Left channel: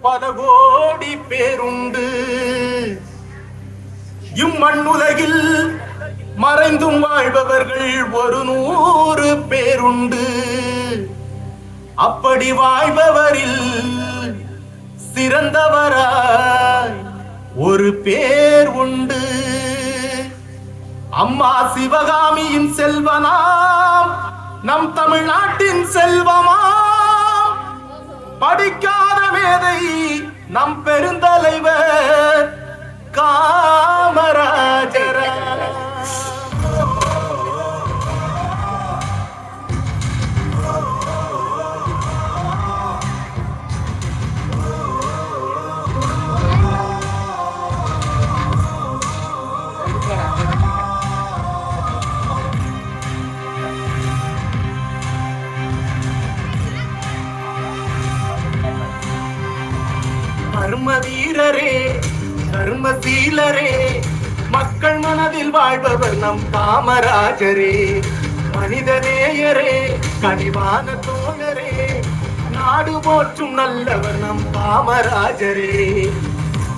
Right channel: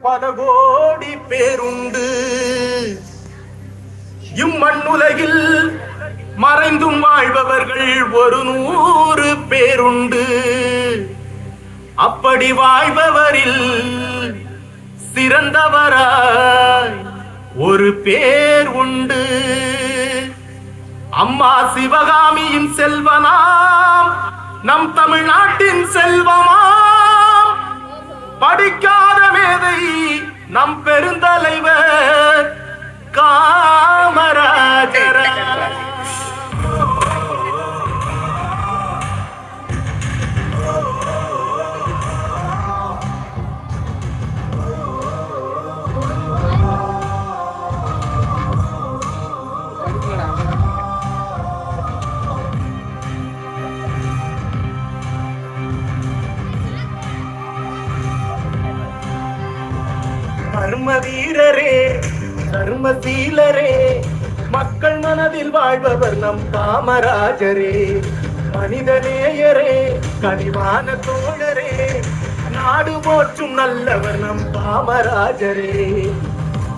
பல கோடி பேருண்டு. இம்மண்ணுலகில் மறைந்தும் வாழ்பவர்கள் ஒரு நூறு பேருண்டு. அப்படி வாழ்பவரில் சிறந்தவராய் ஒரு பேர் உண்டு. அம்மா சிவகாமியின் செல்வனாம் நம் தமிழ்நாட்டின் செல்வமாம். படிக்காத மேதை நம் பெருந்தலைவர் காமராஜர். தர்ம வீரரே தர்மசீலரே மக்கள் மனதில் வாழ்பவர் நம் காமராஜரே. மனிதநேயரே கனிவான தோழரே. நாடு போற்றும் நல்லவர் நம் காமராஜரே.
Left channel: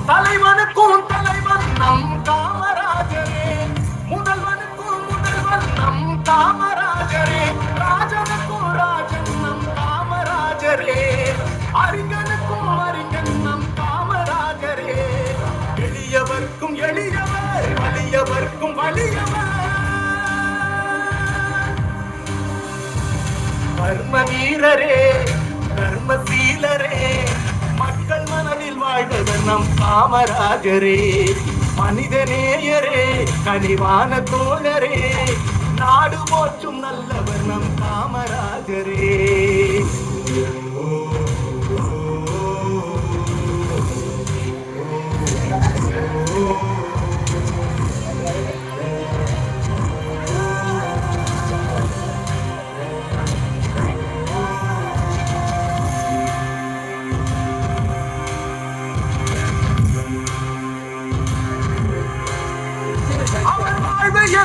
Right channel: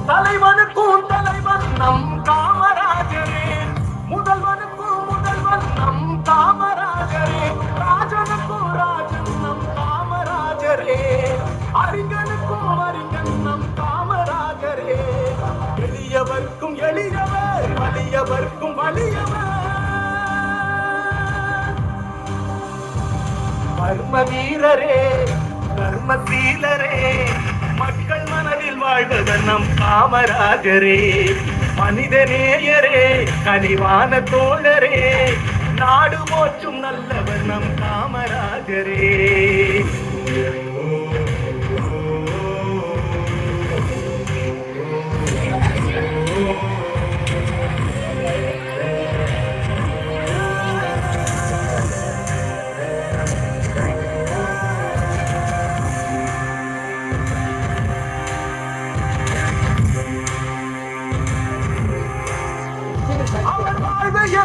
தலைவனுக்கும் தலைவன் நம் காமராஜரே. முதல்வனுக்கும் முதல்வன் நம் காமராஜரே. ராஜனுக்கும் ராஜன் நம் காமராஜரே. எளியவர்க்கும் எளியவர் வலியவர்க்கும் வலியவர். கர்ம வீரரே கர்மசீலரே மக்கள் மனதில் வாழ்ந்தவர் நம் காமராஜரே. மனித நேயரே கனிவான தோழரே. நாடு போற்றும் நல்லவர் நம் காமராஜரே.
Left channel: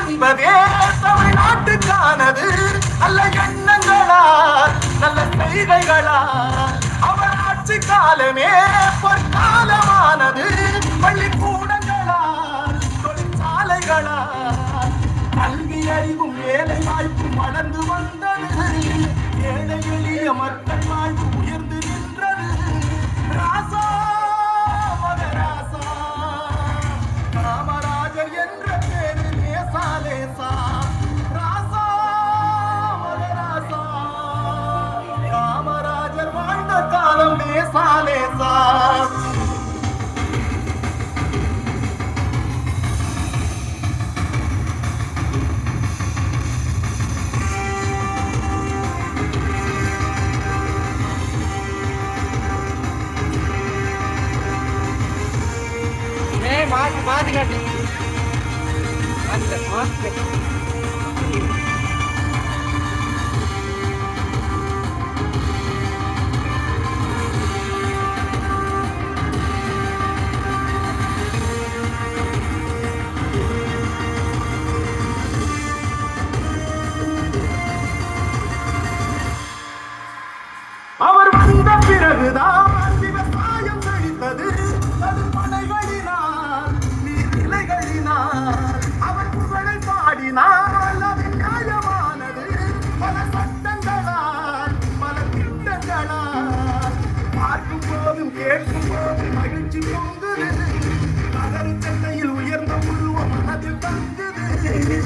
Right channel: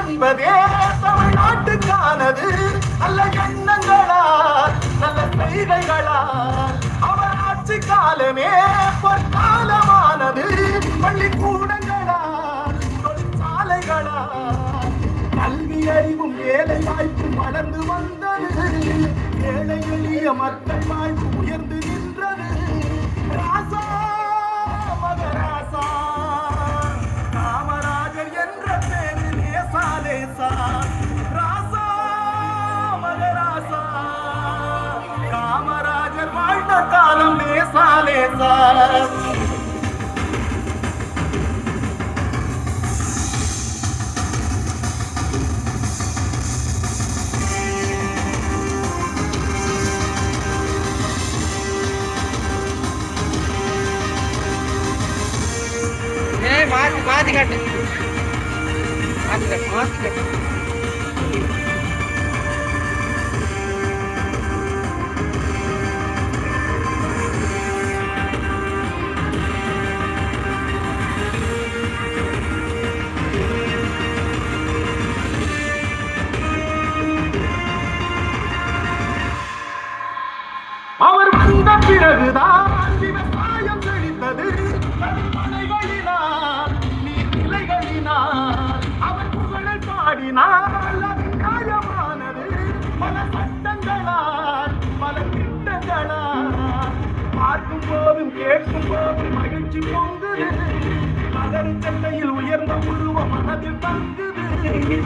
என்பதே தமிழ்நாட்டுக்கானது நல்ல எண்ணங்களால் நல்ல செய்கைகளால். அவர் ஆட்சி காலமே பொற்காலமானது. பள்ளிக்கூடங்களால் தொழிற்சாலைகளால். கல்வி அறிவும் வேலை வாய்ப்பும் வளர்ந்து வந்தது. ஏழை எளிய மக்கள் साले साथ मात मात घट मात घट मात घट போதும் கேட்கும் போதும் மகிழ்ச்சி பொங்குது மகர சட்டையில் உயர்ந்த உருவ மனதில் தங்குது.